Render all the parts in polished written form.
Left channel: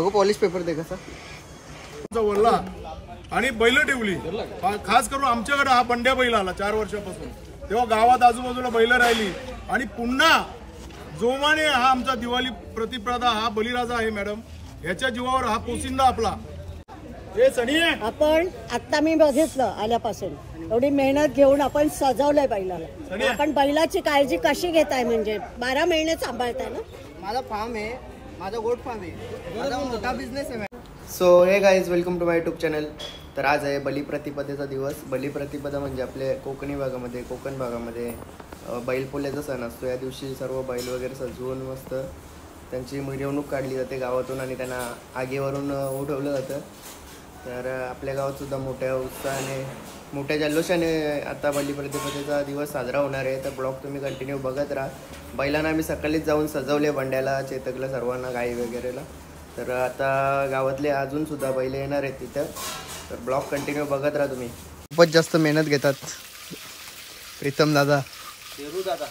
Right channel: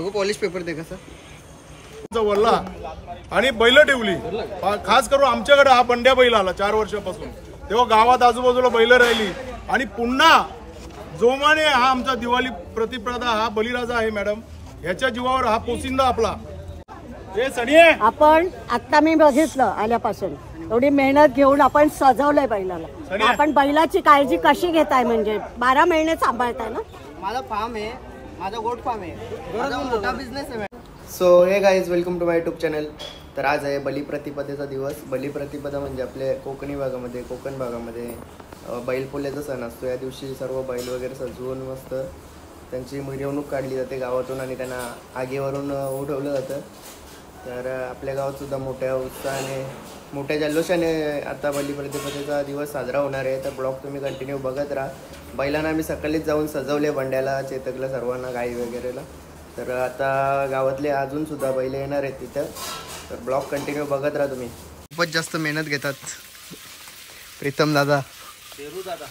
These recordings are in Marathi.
अगो पॉलिश पेपर दे कसा वल्ला आणि बैल ठेवली। खास करून आमच्याकडे हा बंड्या बैल आला 4 वर्षापासून, तेव्हा गावात आजूबाजूला बैल राहिली आणि पुन्हा जोमाने हा आमचा दिवाळी प्रतिप्रदा हा बलिराजा आहे मॅडम, याच्या जीवावर हा पोसिंदा आपला। हे सणी आपण आता मी बघितलं आल्यापासून एवढी मेहनत घेऊन आपण सजवलंय बैलाला। आपण बैलाची काळजी कशी घेताय, म्हणजे 12 महिने सांभाळताय ना? माझा फार्म आहे, माझा गोट फार्म आहे, माझा मोठा बिझनेस आहे। So hey guys, welcome to my YouTube channel. तर आज आहे बलिप्रतिपदेचा दिवस। बलिप्रतिपदा म्हणजे आपले कोकणी भागामध्ये, कोकण भागामध्ये बैलपोळ्याचा सण असतो। या दिवशी सर्व बैल वगैरे सजवून मस्त त्यांची मिरवणूक काढली जाते गावातून आणि त्यांना आगीवरून उठवलं जातं। तर आपल्या गावात सुद्धा मोठ्या उत्साहाने, मोठ्या जल्लोषाने आता बलिप्रतिपदेचा दिवस साजरा होणार आहे। तर ब्लॉग तुम्ही कंटिन्यू बघत राहा। बैलांना आम्ही सकाळीच जाऊन सजवले, बंड्याला, चेतकला, सर्वांना, गाई वगैरेला। तर आता गावातले अजून सुद्धा बैल येणार आहेत तिथं, तर ब्लॉग कंटिन्यू बघत राहा तुम्ही। खूपच जास्त मेहनत घेतात प्रीतम दादा, शेरू दादा।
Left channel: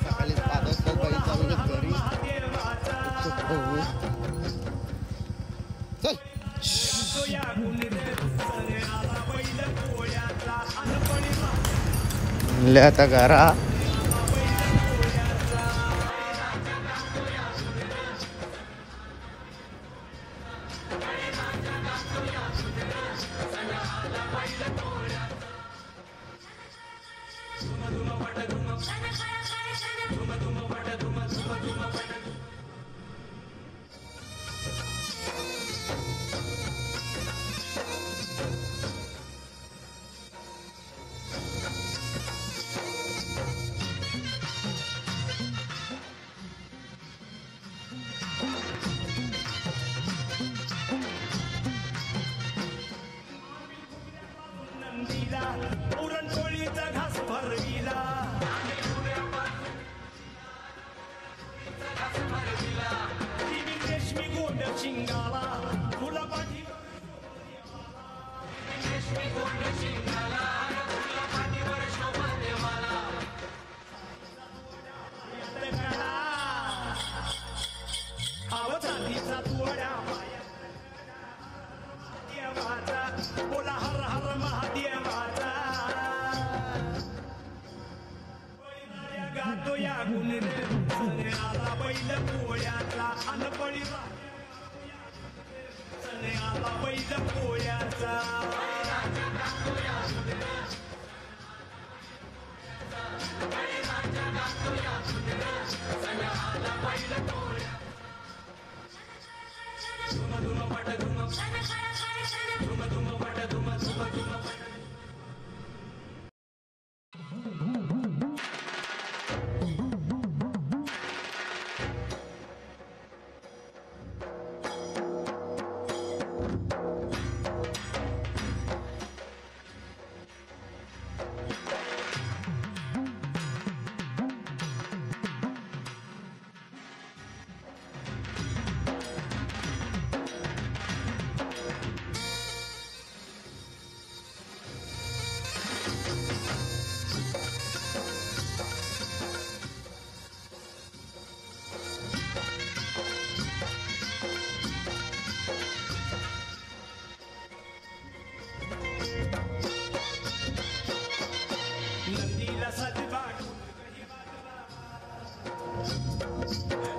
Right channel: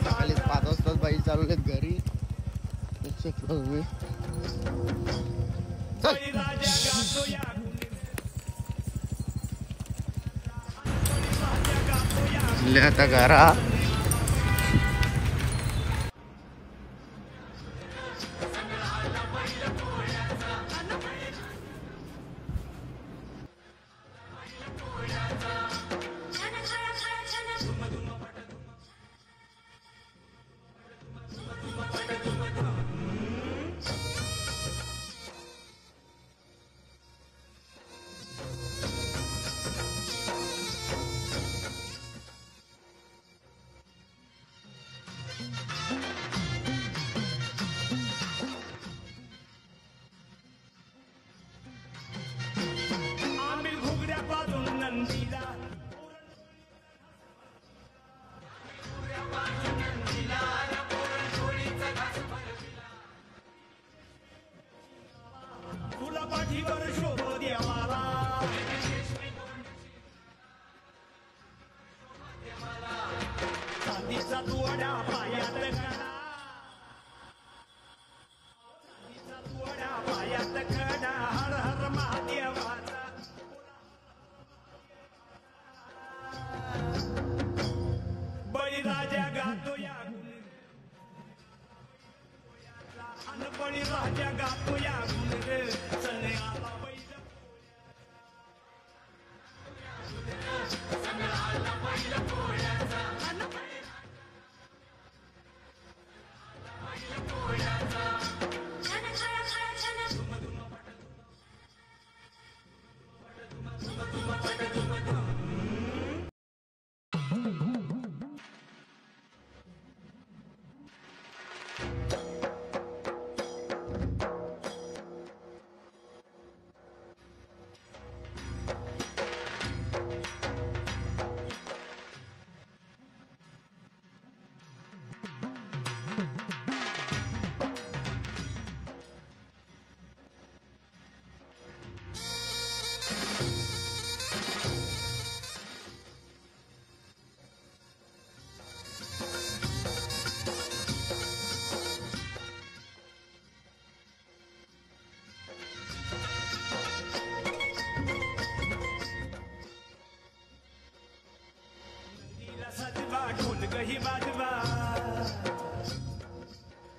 सकाळी 5 वाजता बाई चालू घरी आता घरा सजवा ढोलक ही वाजवा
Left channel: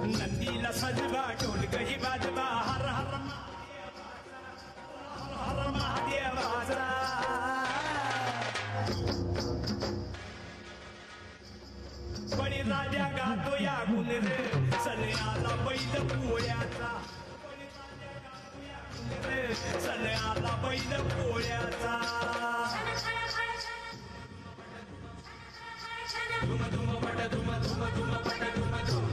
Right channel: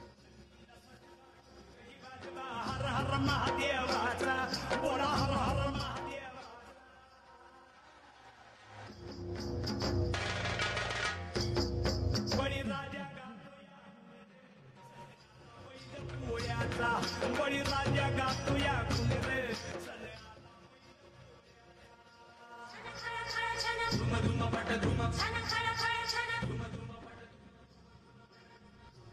नंदीला सजवा ढोलक ही वाजवा हर हर महादेवाचा बोला हर हर महादेवाचा बळीराजा गातो या गुण रे सन्याला बैल पोळ्याचा बळीराजा गातो या गुण रे सन्याला बैल पोळ्याचा धुम धुम पट धुम धुम धुम पट धुम धुम धुम पट धुम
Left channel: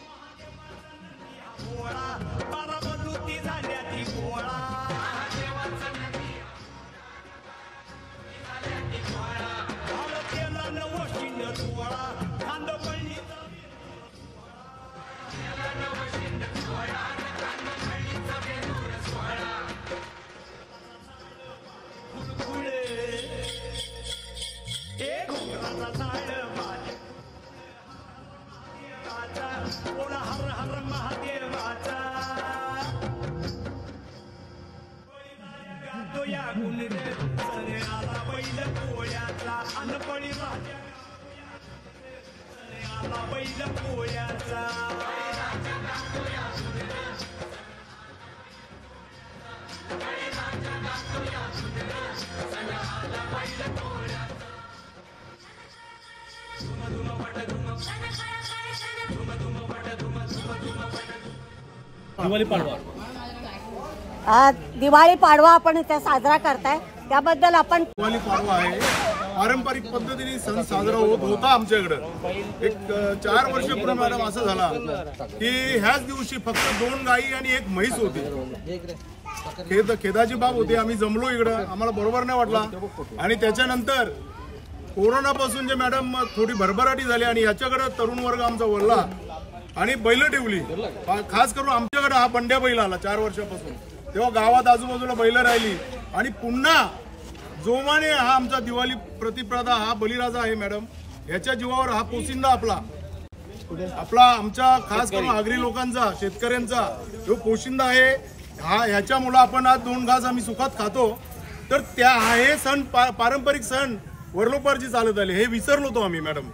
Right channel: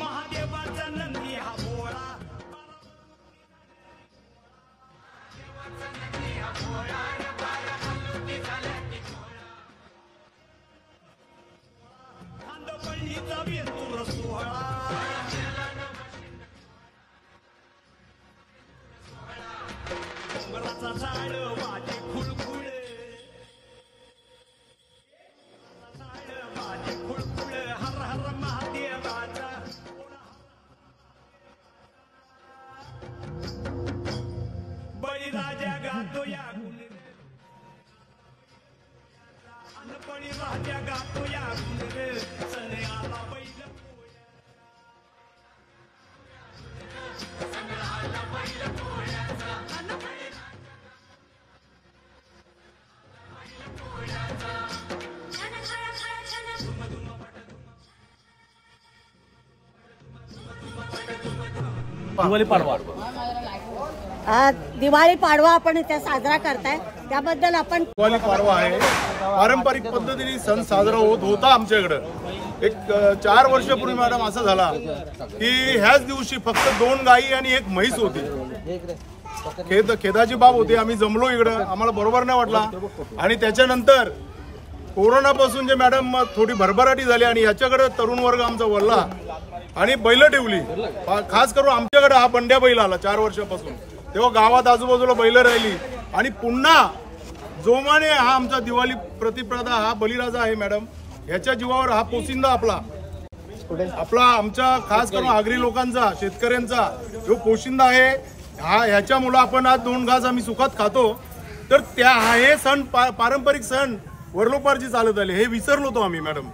महादेवाचा नंदी हा भोळा बारामती झाल्या ती भोळा महादेवाचा नंदी हा भोळा बारामती झाल्या ती भोळा भालतेला नवशिंड सोहळा खांदपळणीचा वेंदूर सोहळा भालतेला नवशिंड सोहळा खांदपळणीचा वेंदूर सोहळा घुंगराचा झाड वाजे खुळखुळे हे घुंगराचा झाड वाजे खुळखुळे हर हर महादेवाचा बोला हर हर महादेवाचा बळीराजा गातो या गुण रे सन्याला बैल पोळ्याचा अन बळीराजा गातो या गुण रे सन्याला बैल पोळ्याचा आज दिवाळी पाडवा आपण इथे साजरा करताय त्याबद्दल आपण दिवाळी पाडवा आहे पारंपरिक पद्धतीने सण साजरा होता आमच्याकडं एक 4 वर्षापूर्वी मॅडम असं झाला की ह्याच दिवशी फक्त 2 गायी आणि 1 म्हैस होती खेदाची बाब होती आम्ही जमलो इकडं आम्हाला बरोबर नाही वाटला आणि त्याच्यानंतर कोरोनापासून जे मॅडम थोडी भरभराटी झाली आणि याच्याकडे तरुण वर्ग आमचा वळला आणि बैल ठेवली खास करून आमच्याकडे हा बंड्या बैल आला 4 वर्षापासून तेव्हा गावात आजूबाजूला बैल राहिली आणि पुन्हा जोमाने हा आमचा दिवाळी प्रतिप्रदा हा बळीराजा आहे मॅडम ह्याच्या जीवावर हा पोशिंदा आपला आमच्या खास करून आगरी लोकांचा शेतकऱ्यांचा जो पोशिंदा आहे हा ह्याच्यामुळे आपण आज 2 घास आम्ही सुखात खातो तर त्या हे सण पारंपरिक सण वरलोपारची चालत आले हे विसरलो होतो आम्ही मॅडम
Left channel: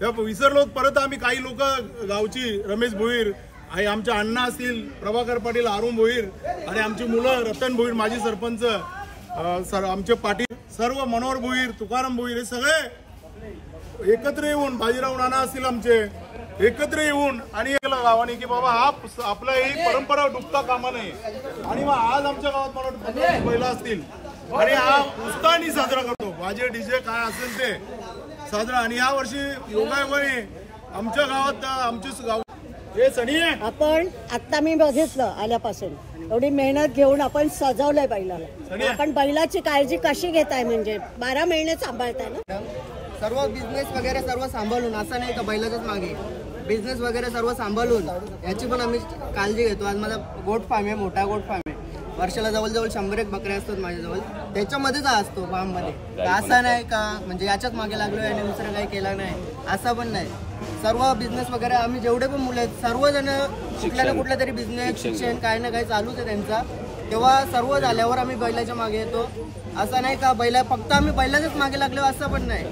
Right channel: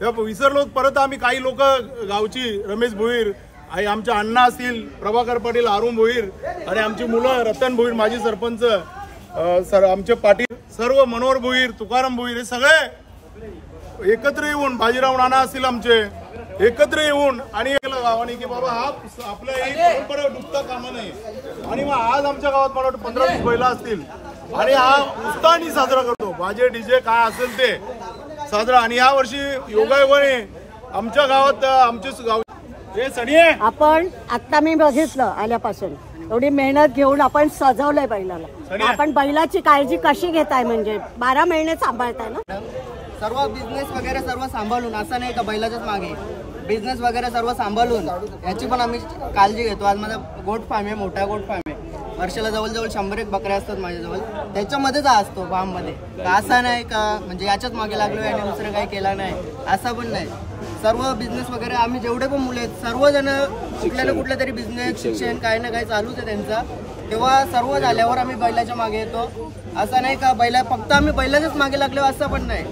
तेव्हा विसरलो परत आम्ही काही लोक गावची रमेश भोईर आणि आमच्या अण्णा असतील प्रभाकर पाटील अरुण भोईर आणि आमची मुलं रतन भोईर माजी सरपंच आमचे पाटील सर्व मनोहर भोईर तुकाराम भोईर हे सगळे एकत्र येऊन बाजीराव नाना असतील आमचे एकत्र येऊन आणि गावाने की बाबा हा आपल्या ही परंपरा डुबता कामा नये आणि मग आज आमच्या गावात मला 15-20 बैला असतील आणि हा उत्साहाने साजरा करतो बाजे डीजे काय असेल ते साजरा आणि या वर्षी योगायोगाने आमच्या गावात आमचे गाव हे सनी आपण आता मी बघितलं आल्यापासून एवढी मेहनत घेऊन आपण सजवलंय बैलाला आपण बैलाची काळजी कशी घेताय म्हणजे 12 महिने सांभाळताय ना सर्व बिझनेस वगैरे सर्व सांभाळून असं नाही का बैलाच्याच मागे बिझनेस वगैरे सर्व सांभाळून याची पण आम्ही काळजी घेतो आज माझा गोट फार्म आहे मोठा गोट फार्म आहे वर्षाला जवळजवळ 100 बकऱ्या असतात माझ्याजवळ त्याच्यामध्येच असतो फार्म मध्ये असं नाही का म्हणजे याच्याच मागे लागलोय आणि दुसरं काही केलं नाही असं पण नाही सर्व बिझनेस वगैरे आम्ही जेवढे पण मुलं आहेत सर्वजण कुठल्या ना कुठल्या तरी बिझनेस शिक्षण काही ना काही चालूच आहे त्यांचा तेव्हा सर्व झाल्यावर आम्ही बैलाच्या मागे येतो असं नाही का बैला फक्त आम्ही बैलाच्याच मागे लागलो असं पण नाही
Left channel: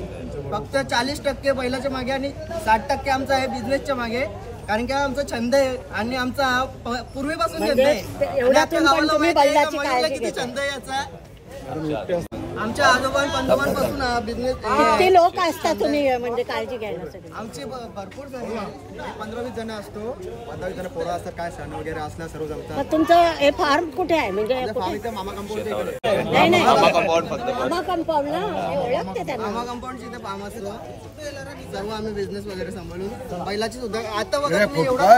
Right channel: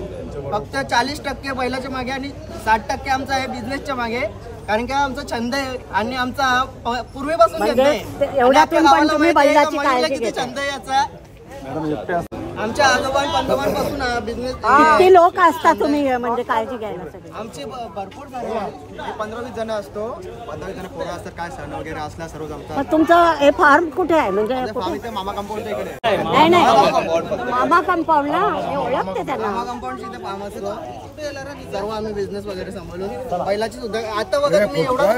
फक्त 40% बैलाच्या मागे आणि 60% आमचा आहे बिझनेसच्या मागे कारण की आमचा छंद आहे आणि आमचा पूर्वीपासून छंद आहे आपल्या गावाला माहिती किती छंद आहे याचा आमच्या आजोबा पंजोबांपासून बिझनेस किती लोक असतात तुम्ही म्हणजे काळजी घ्यायला आमची भरपूर जण 15-20 जण असतो 15-20 जण पोरं असतात काय सण वगैरे असला सर्व जमतात तुमचं हे फार्म कुठे आहे म्हणजे फार्म इथे मामा कंपाऊंडच्या इकडे मामा कंपाऊंडला ओळखते त्यांना मामा कंपाऊंडच्या इथे फार्म असतो सर्व आम्ही बिझनेस वगैरे सांभाळून बैलाची सुद्धा आता बघा तुम्ही एवढं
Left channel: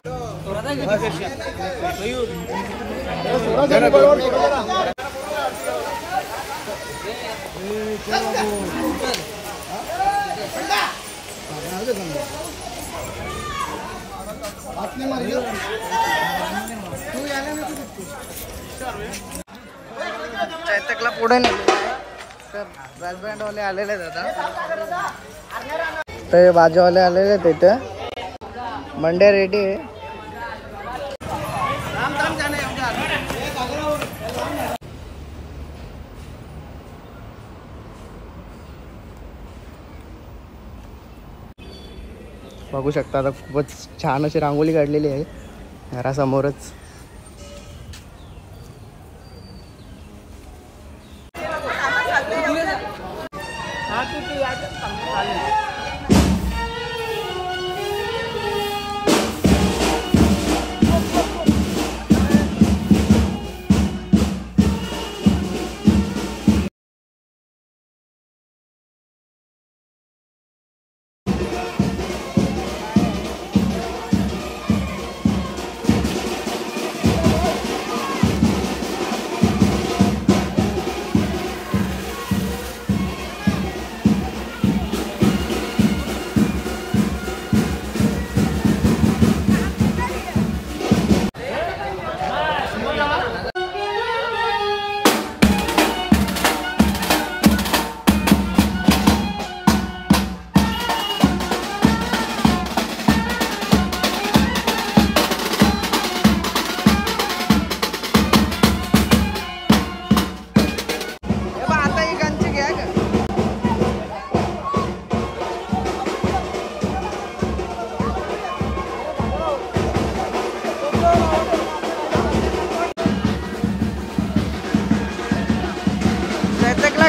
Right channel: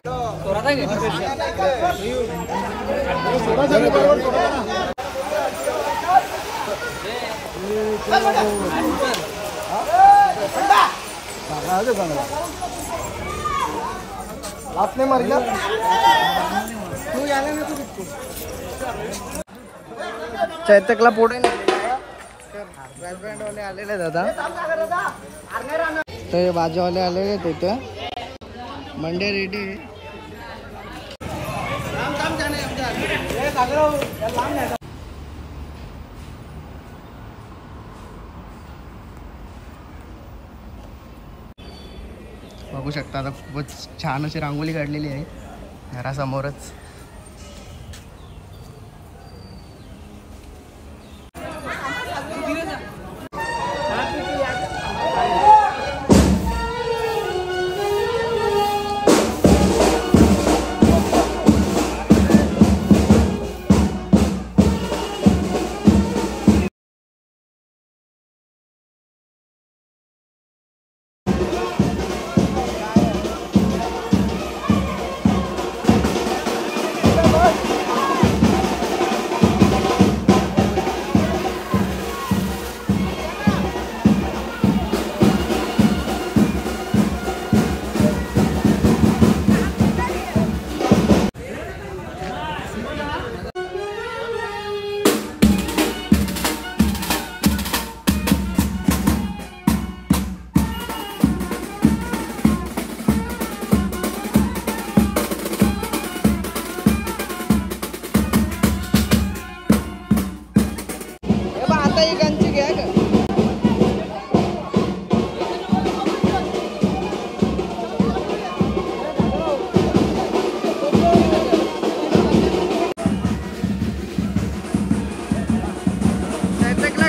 आपने मर गया तू यायला नको तिथे चैतकला पुढे नेलेलं आहे ब्रँड वाले आलेले दादा तर भाजीवाले आलेले तिथे मंडे रेडी आहे. बघू शकता आता खूपच छान अशी रांगोळी काढलेली आहे घरासमोरच.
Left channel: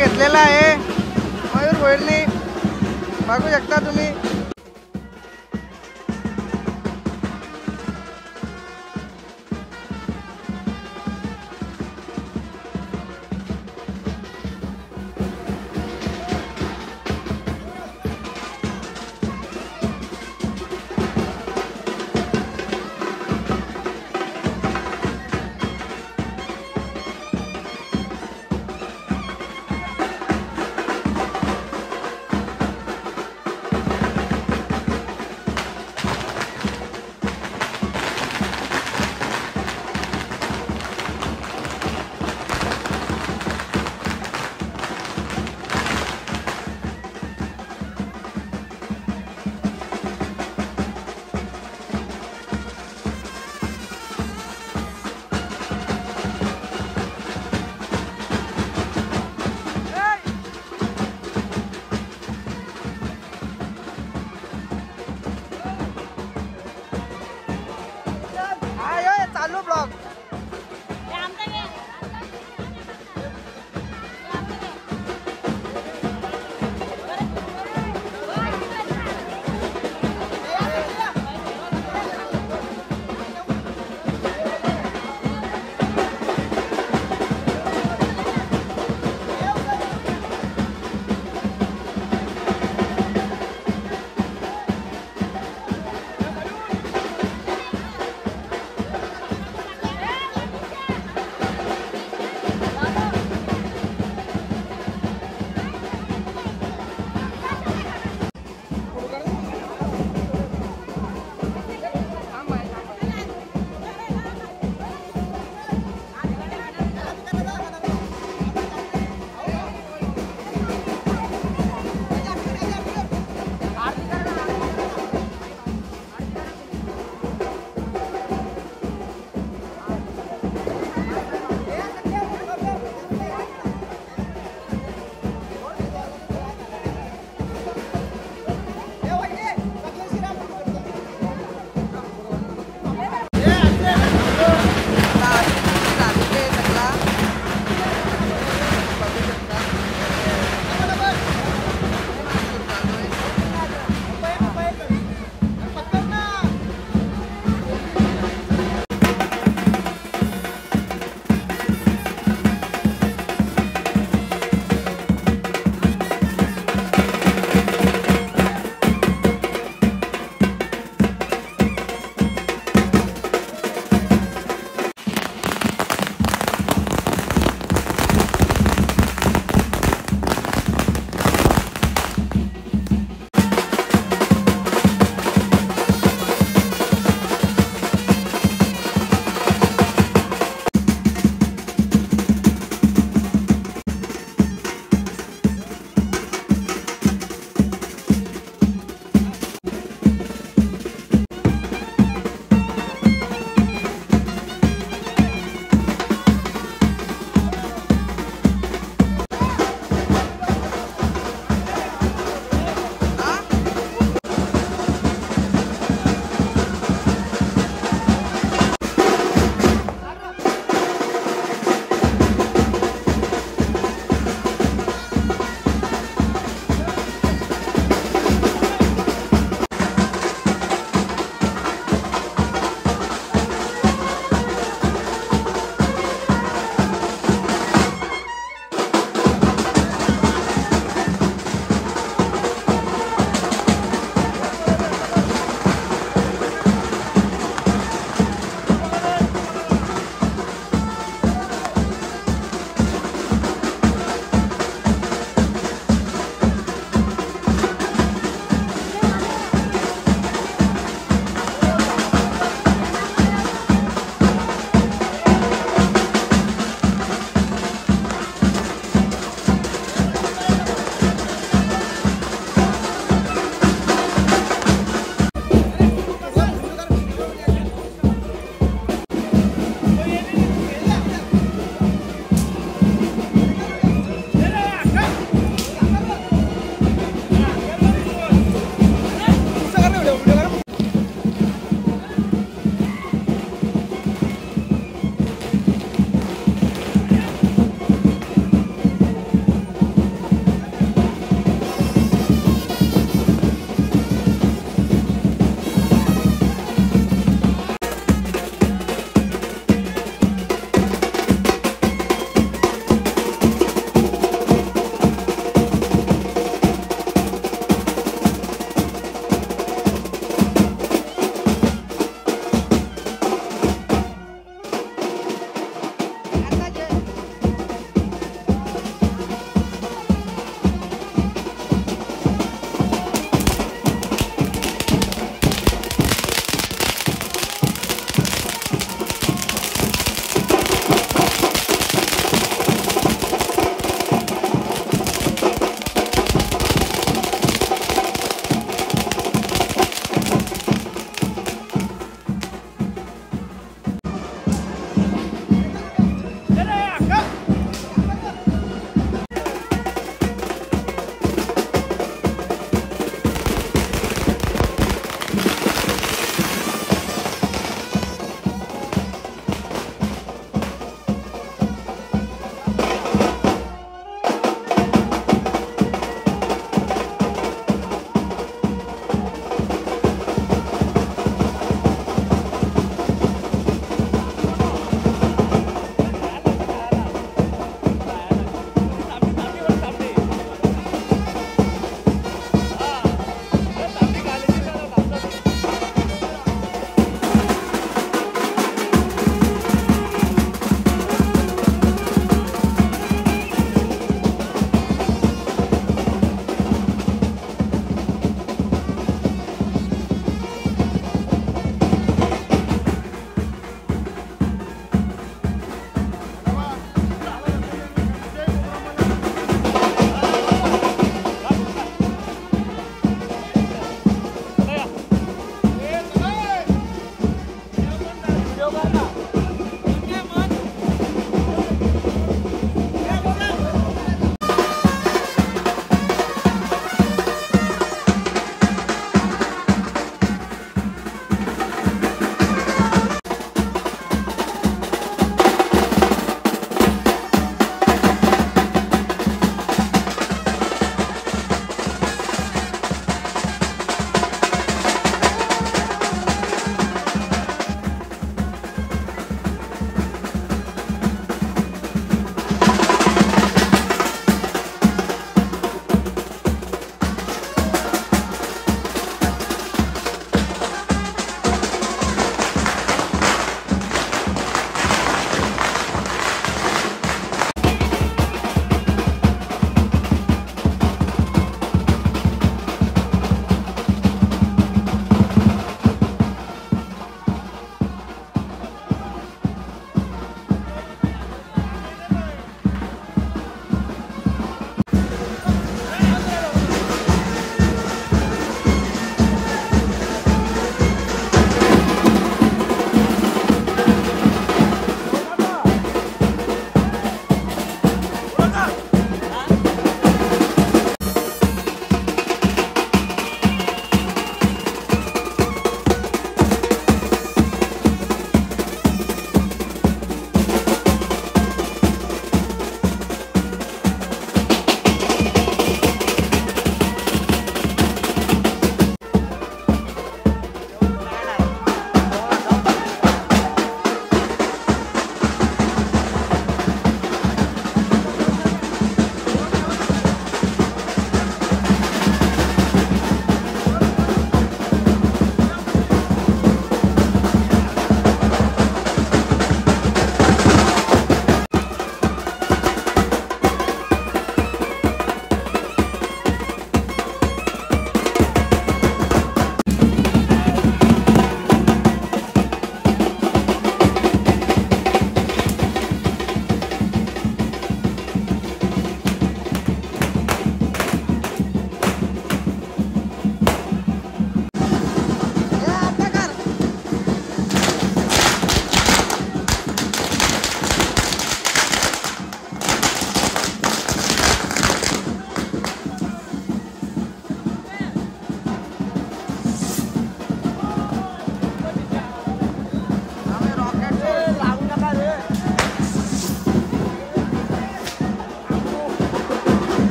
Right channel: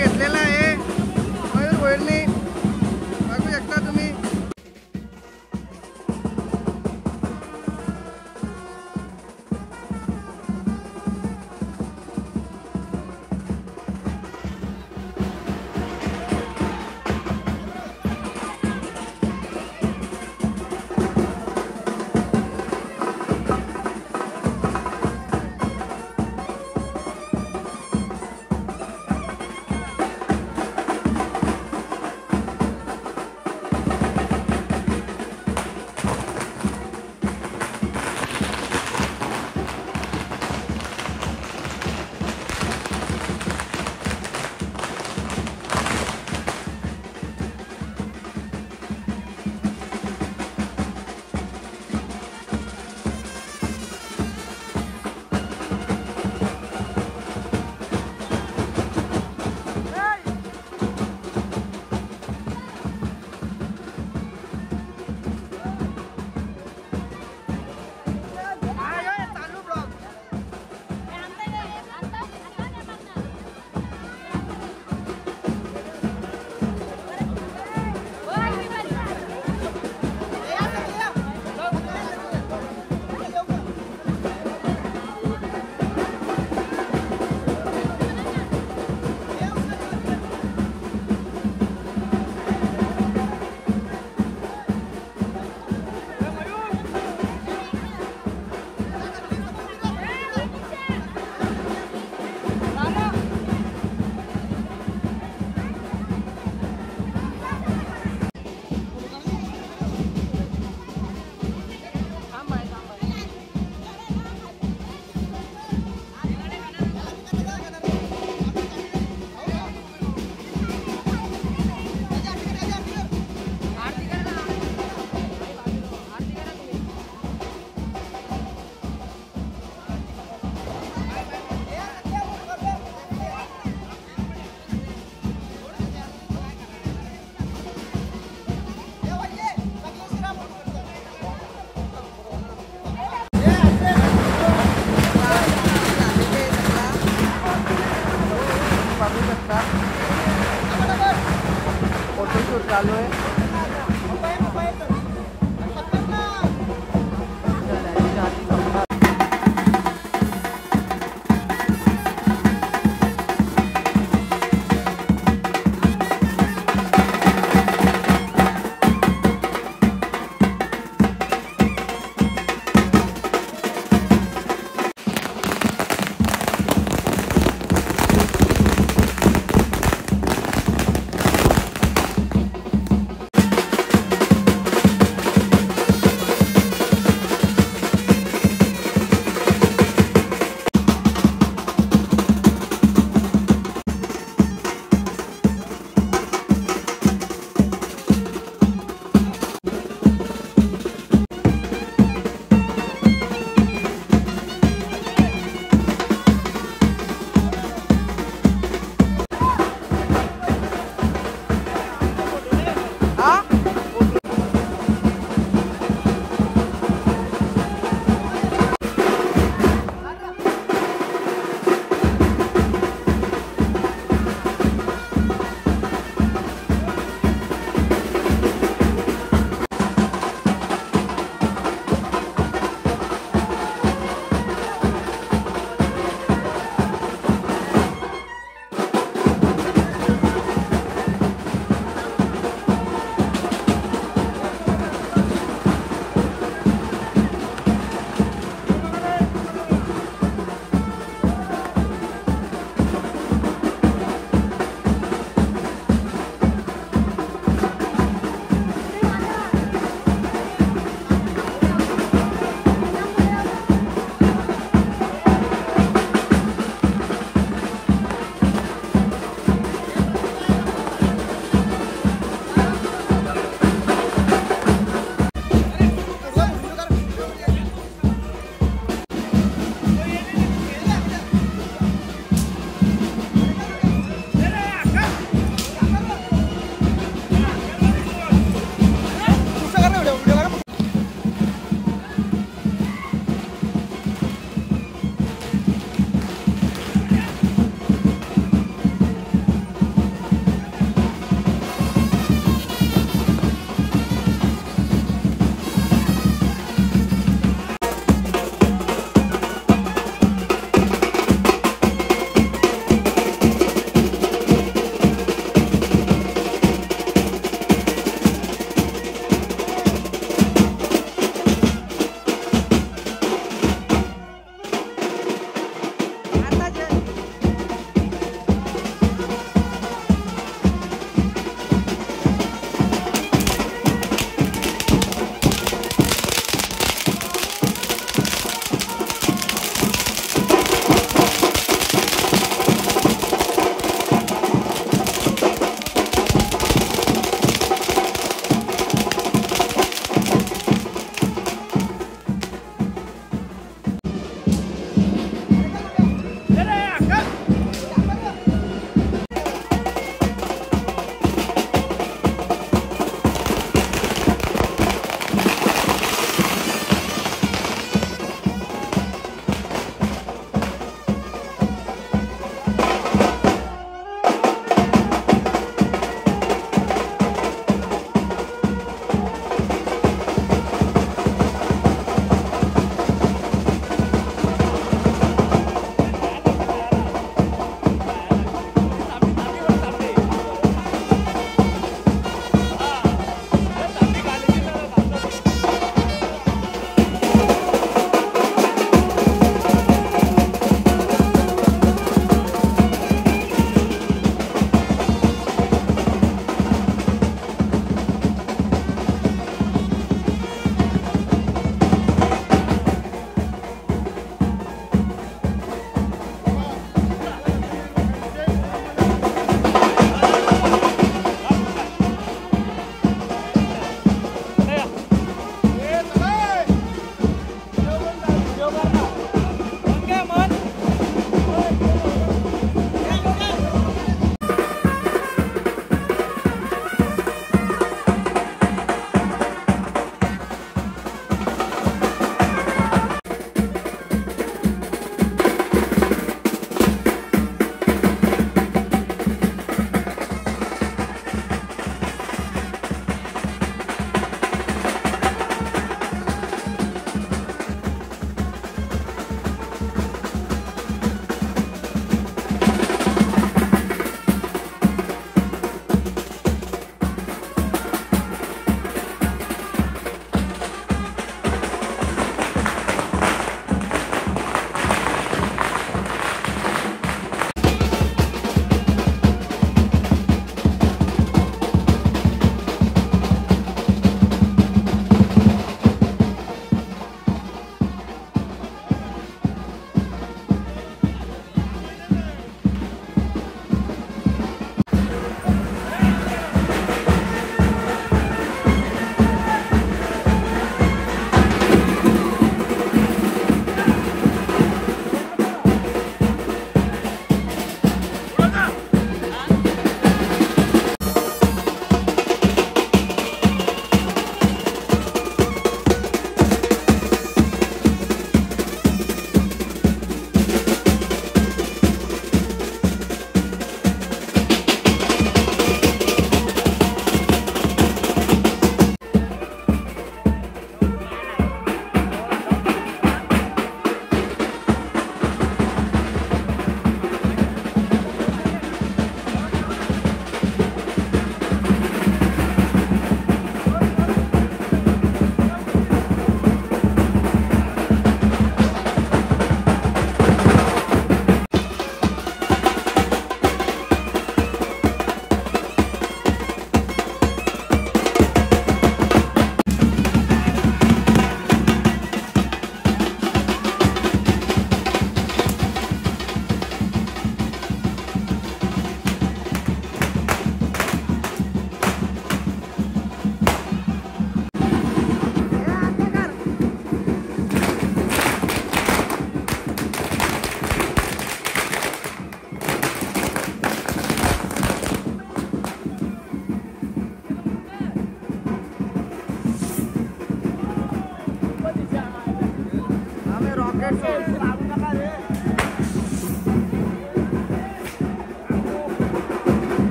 घेतलेला आहे मयूर गोयलनी, बघू शकता तुम्ही.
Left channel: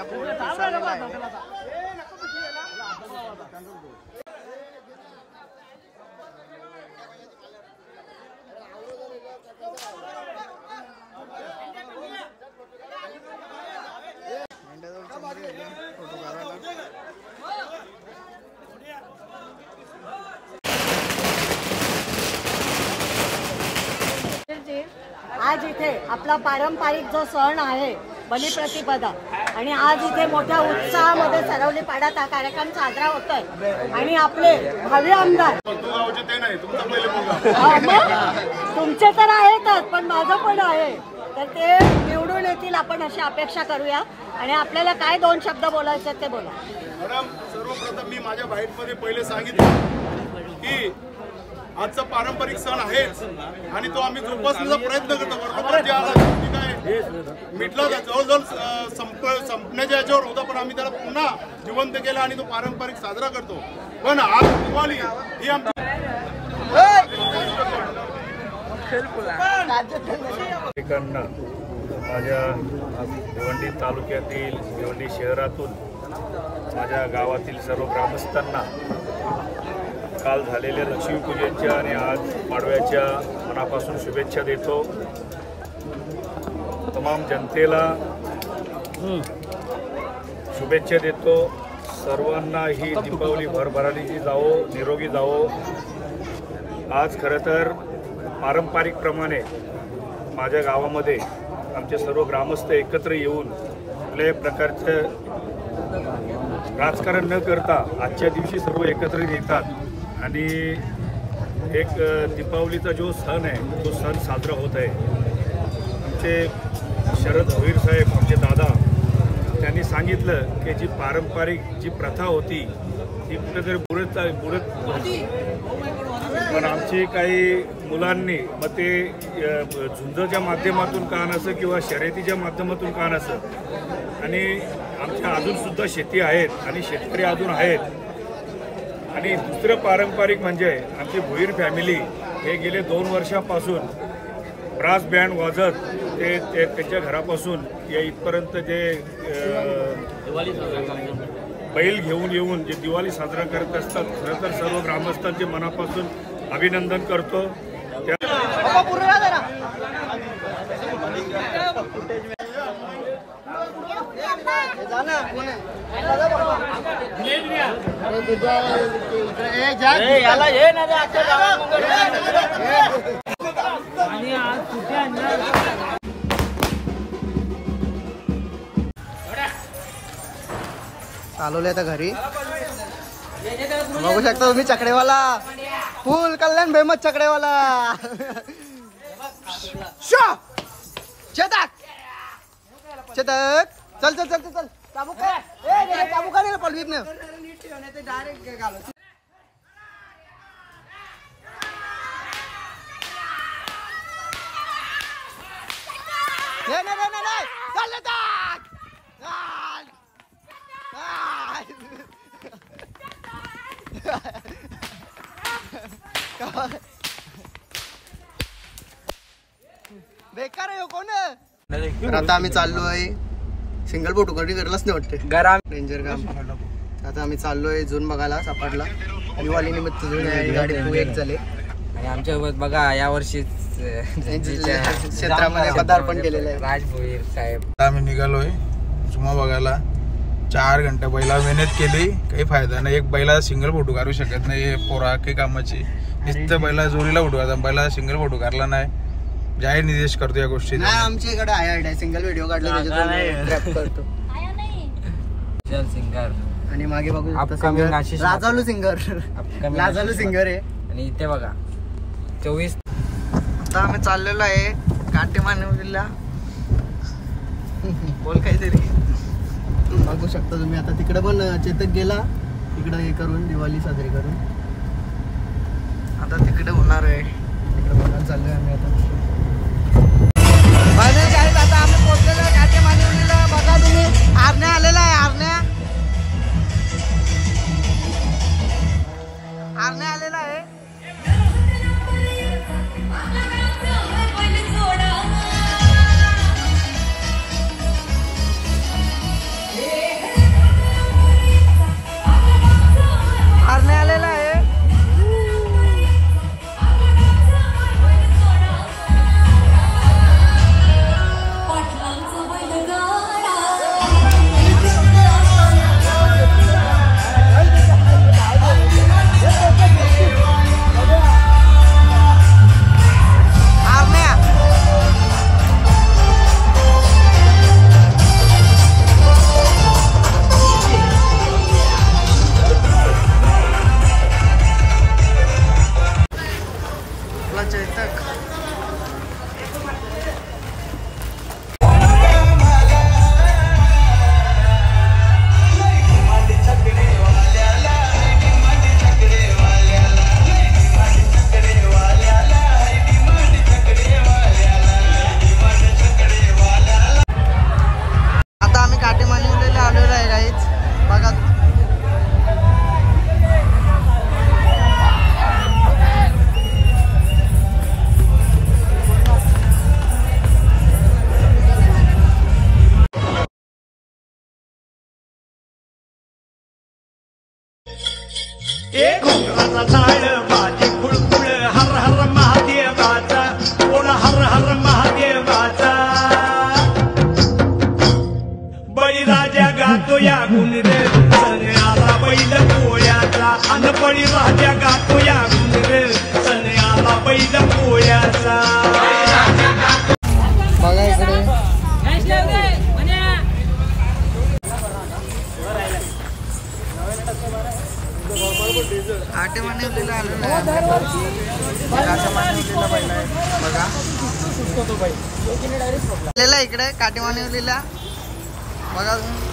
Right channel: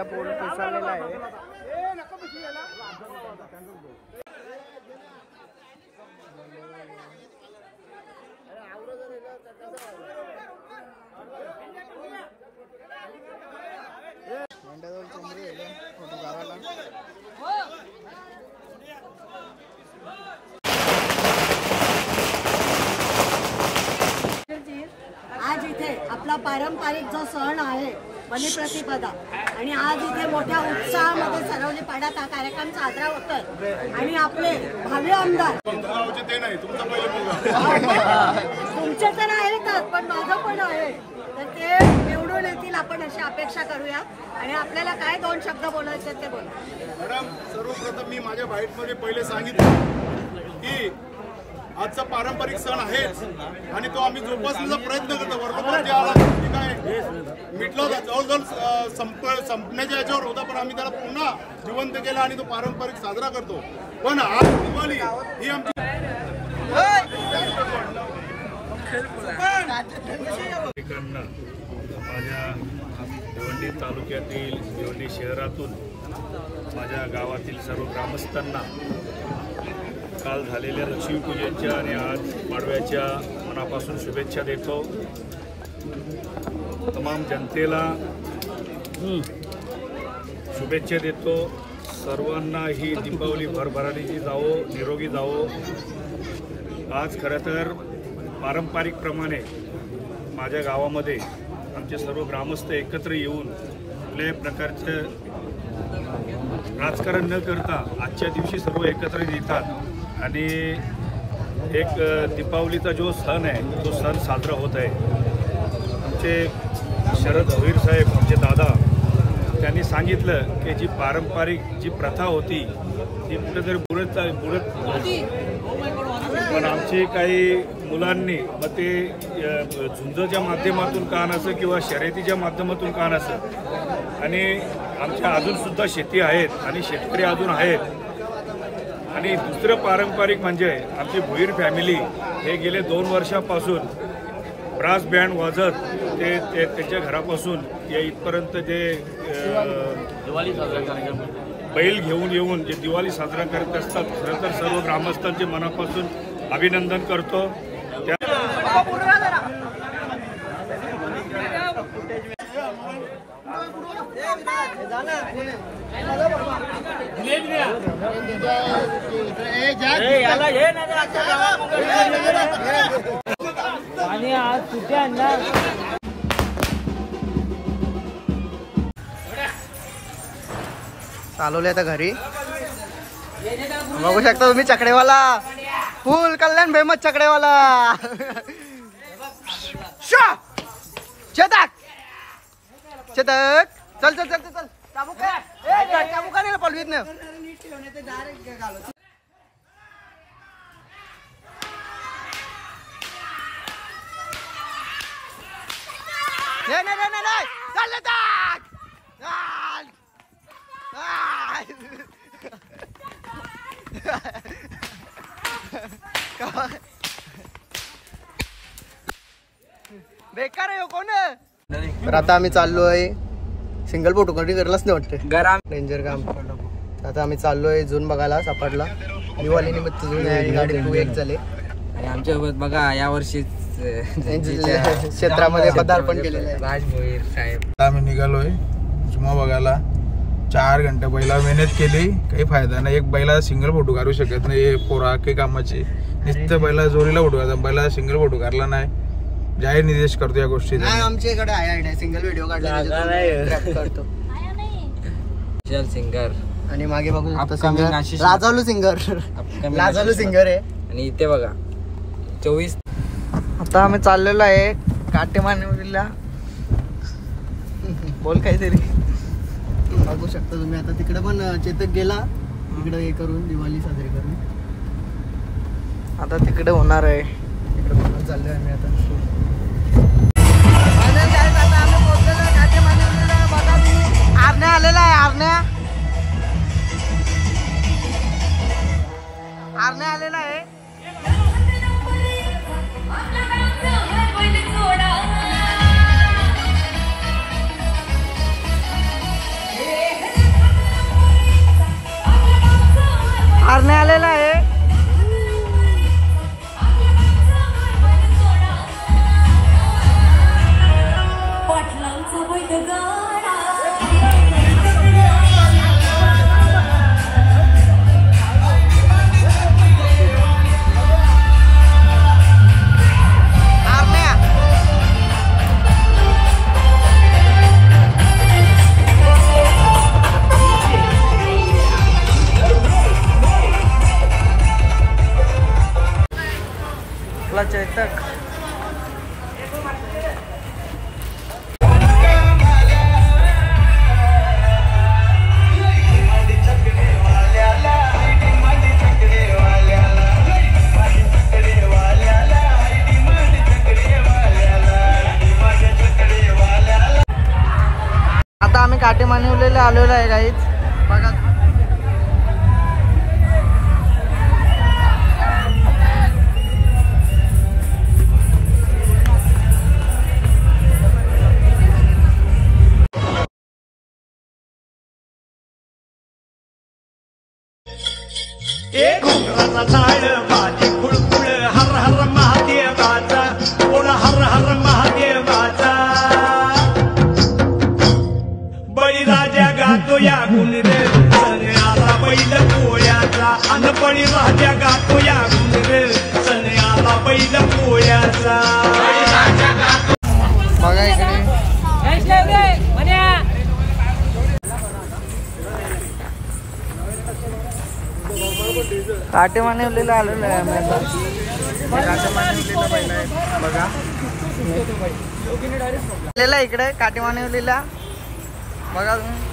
बंड्या पूल पिसाळलेला आहे. बंड्याजवळ चंद्र गेले फोटो काढायला. आज इथे आपला पारंपरिक जो सण आहे बलिप्रतिपदा आणि आज इथे मोठ्या उत्साहामध्ये सरवली पाड्यात हा कार्यक्रम साजरा होतोय आणि आपले भावी आमदार ते नाही तुमचा पहिले तुमचे तर आहेतच पण माझं पण आहे तर ते निवडून येतील आपण अशी अपेक्षा करूया आणि आपल्याला काय 2 शब्द बोलायचे ते बोला. मॅडम सर्वप्रथम मी माझ्या बाईटमध्ये पहिले सांगितलं की आजचा पारंपरिक सण आहेच आणि तो आम्ही जोपासण्याचा प्रयत्न करतो. वर्षभर जे आला ते काय मिटलं जवळजवळ संपण्याच्या याच्यावर होता पण आम्ही त्याला पुन्हा जिवंत केला आणि तो पारंपरिक साजरा करतो. पण आज दिवाळी ही आमची माझ्या भिवंडी तालुक्यातील भिवंडी शहरातून माझ्या गावातील सर्व ग्रामस्थांना काल झालेल्या लक्ष्मीपूजेच्या आणि आज पाडव्याच्या मनापासून शुभेच्छा देतो. तमाम जनतेला शुभेच्छा देतो. सर्वांना ही दीपावली भरभराटीची जावो, निरोगी जावो. आज खरं तर पारंपरिकप्रमाणे माझ्या गावामध्ये आमचे सर्व ग्रामस्थ एकत्र येऊन कुठल्याही प्रकारचं राजकारण न करता आजच्या दिवशी सर्व एकत्र येतात आणि एक दीपावलीचा जो सण आहे तो सण साजरा होत आहे. आमचे शरद भोईर साहेब आमचे दादा त्यांनी सांगितलं की जी पारंपरिक जी प्रथा होती ती कुठेतरी बुडत होती पण आमची काही मुलांनी मग ते झुंजच्या माध्यमातून का नसं किंवा शर्यतीच्या माध्यमातून का नसं आणि आमच्या अजूनसुद्धा शेती आहेत आणि शेतकरी अजून आहेत. आणि दुसरं पारंपरिक म्हणजे आमची भोईर फॅमिली हे गेले 2 वर्षापासून ब्रास बँड वाजत ते त्यांच्या घरापासून या इथपर्यंत जे बैल घेऊन येऊन जे दिवाळी साजरा करत असतात. खरं तर सर्व ग्रामस्थांचे मनापासून अभिनंदन करतो. आणि आज कुठे आणणार चालवले आता घरी. बघू शकता तुम्ही चकडेवाला फुल कल्याण फेमस चकडेवाला. चेतक चेतक चल चल चल चल चाबूक नाही पलवीत नाही. बेकार आहे कोण. तर आता आम्ही चाललोय सिंगल फोटो कधी करलाच नाही वाटते डेंजर काम. आता आम्ही चाललोय झून बघायला सापडला. दिवाळी निमित्त झून आहे गाडी 2-1 झाले आणि आमच्यासोबत बघा यावर्षी क्षेत्रामध्ये पदार्पण केलेलं आहे राज भोईर साहेब. आम्ही निघालोय झुमा बघायला. 4 घंटे बैला मेहनत केली काही फायदा नाही. एक बैला सिंगल फोटो काढू शकत नाही पोरा काही कामाची. नुसतं बैला जोरीला फोटो काढता बैला सिंगल फोटो काढला नाही. जाहीर निर्देश करतो या गोष्टी. आमच्या इकडे आहे सिंगल व्हिडिओ काढला करतो चल सिंगर आणि मागे बघू लाजालू सिंगर आहे. आणि इथे बघा 24. आता आम्ही चाललेलो आहे काटेमानवलीला. बोल काहीतरी. बघू शकता तुम्ही आता तिकडे पण चेतक गेला तिकडे हे करून दिवाळी साजरी करून. आता तिकडे होणार आहे तिकडे बघायला चाललोय आम्ही आता. आता आम्ही पोहोचलेलो काटेमानवलीला. बघा तुम्ही आरण्या आलेला आहे. आरण्या आलेला आहे. काटे मानवलेले आलेलो आहे गाईच बघा. एक घोंगराचा झाड माझी खुळखुळ हर हर महादेवाचा कोण हर हर महादेवाचा बळीराजा गातो या गुण रे सण आला बैल पोळ्याचा अन बळीराजा गातो या गुण रे सण आला बैल पोळ्याचा. बघा इकडे काटे मानवलेला आलेला आहे काटे मानवलेला पहिला आहे बघा आलेला इकडे काटे मानवलेला बघा तुम्ही.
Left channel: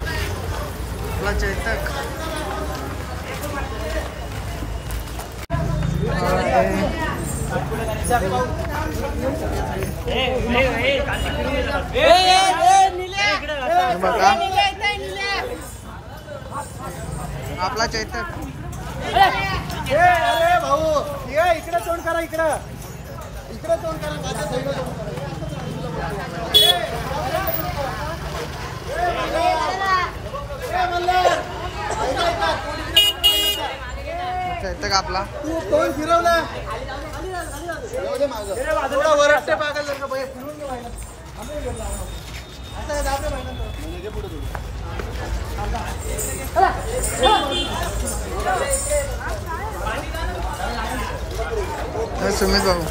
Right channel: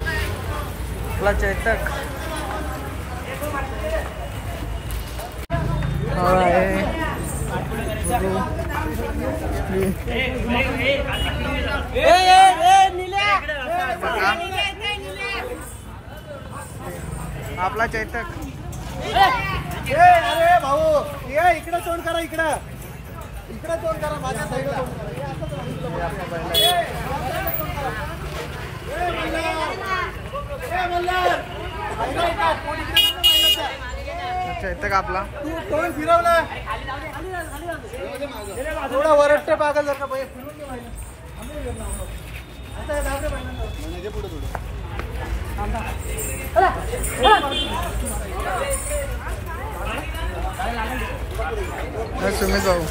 आपला चैतक आपला चैतक भाऊ इकडे तोंड करा इकडे तोंड करा. चैतक आपला तोंड फिरवलं थोडा वरट्ट पागल जर का पुढे सुमित भाऊ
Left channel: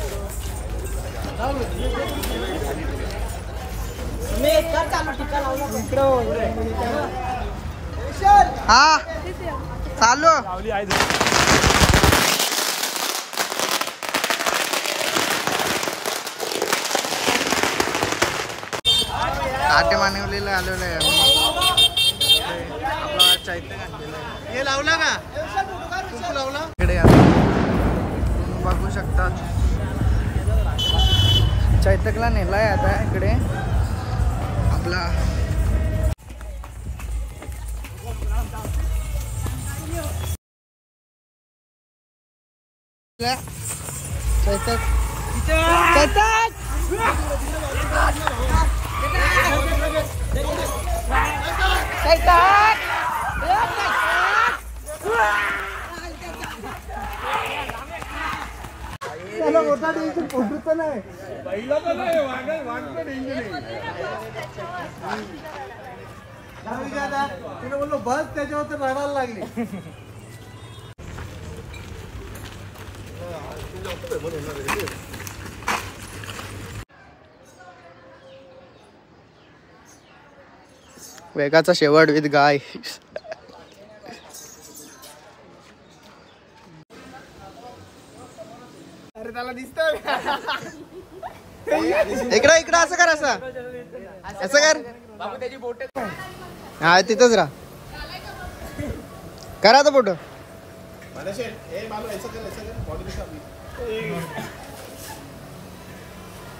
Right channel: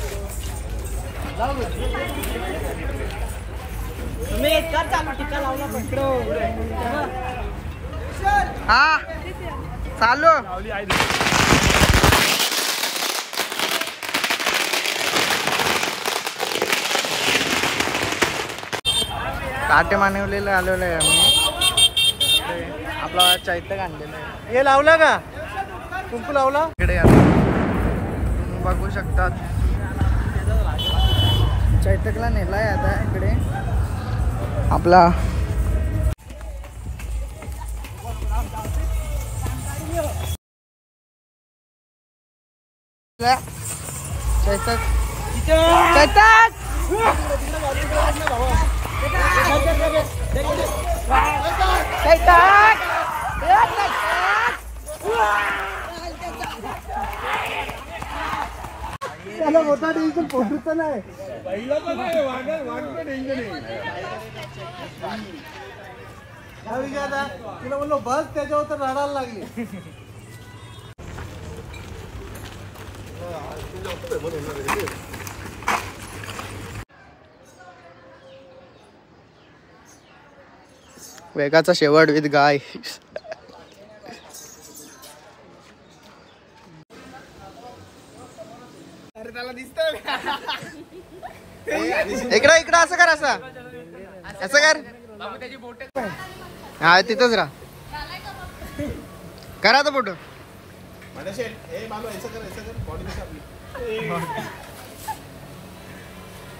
हा चालू काटे मानवलेलं आलेलं आहे आम्ही आपला चैतक आणलेलं आहे. हे लावला का कुंकू लावला इकडे आता बघू शकतात चैतकला नेलाय आता इकडे आपला चैतक चैतक त्याला मोठा टेन्शन पोटूचं नाही पहिला पण नाही वांग टेन्शन तिला बोललो बस त्याच्यावर तर रडायला लागली. वेगाचा शेवट विथ गाय. अरे त्याला दिसतंय इकडं इकडं असं कर असं कर हा तिथंच राहा करा तो फोटो.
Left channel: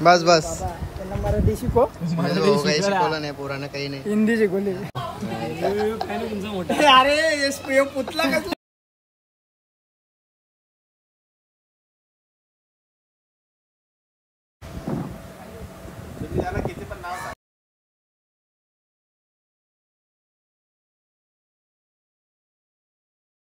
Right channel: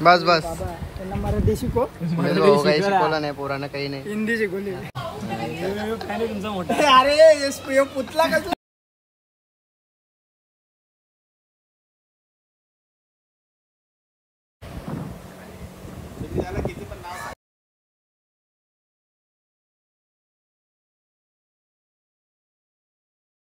बस बस मराठी शिको काही शिकवलं नाही पोरानं काही नाही. हिंदी शिकवली अरे पुतला कसं किती पण नाव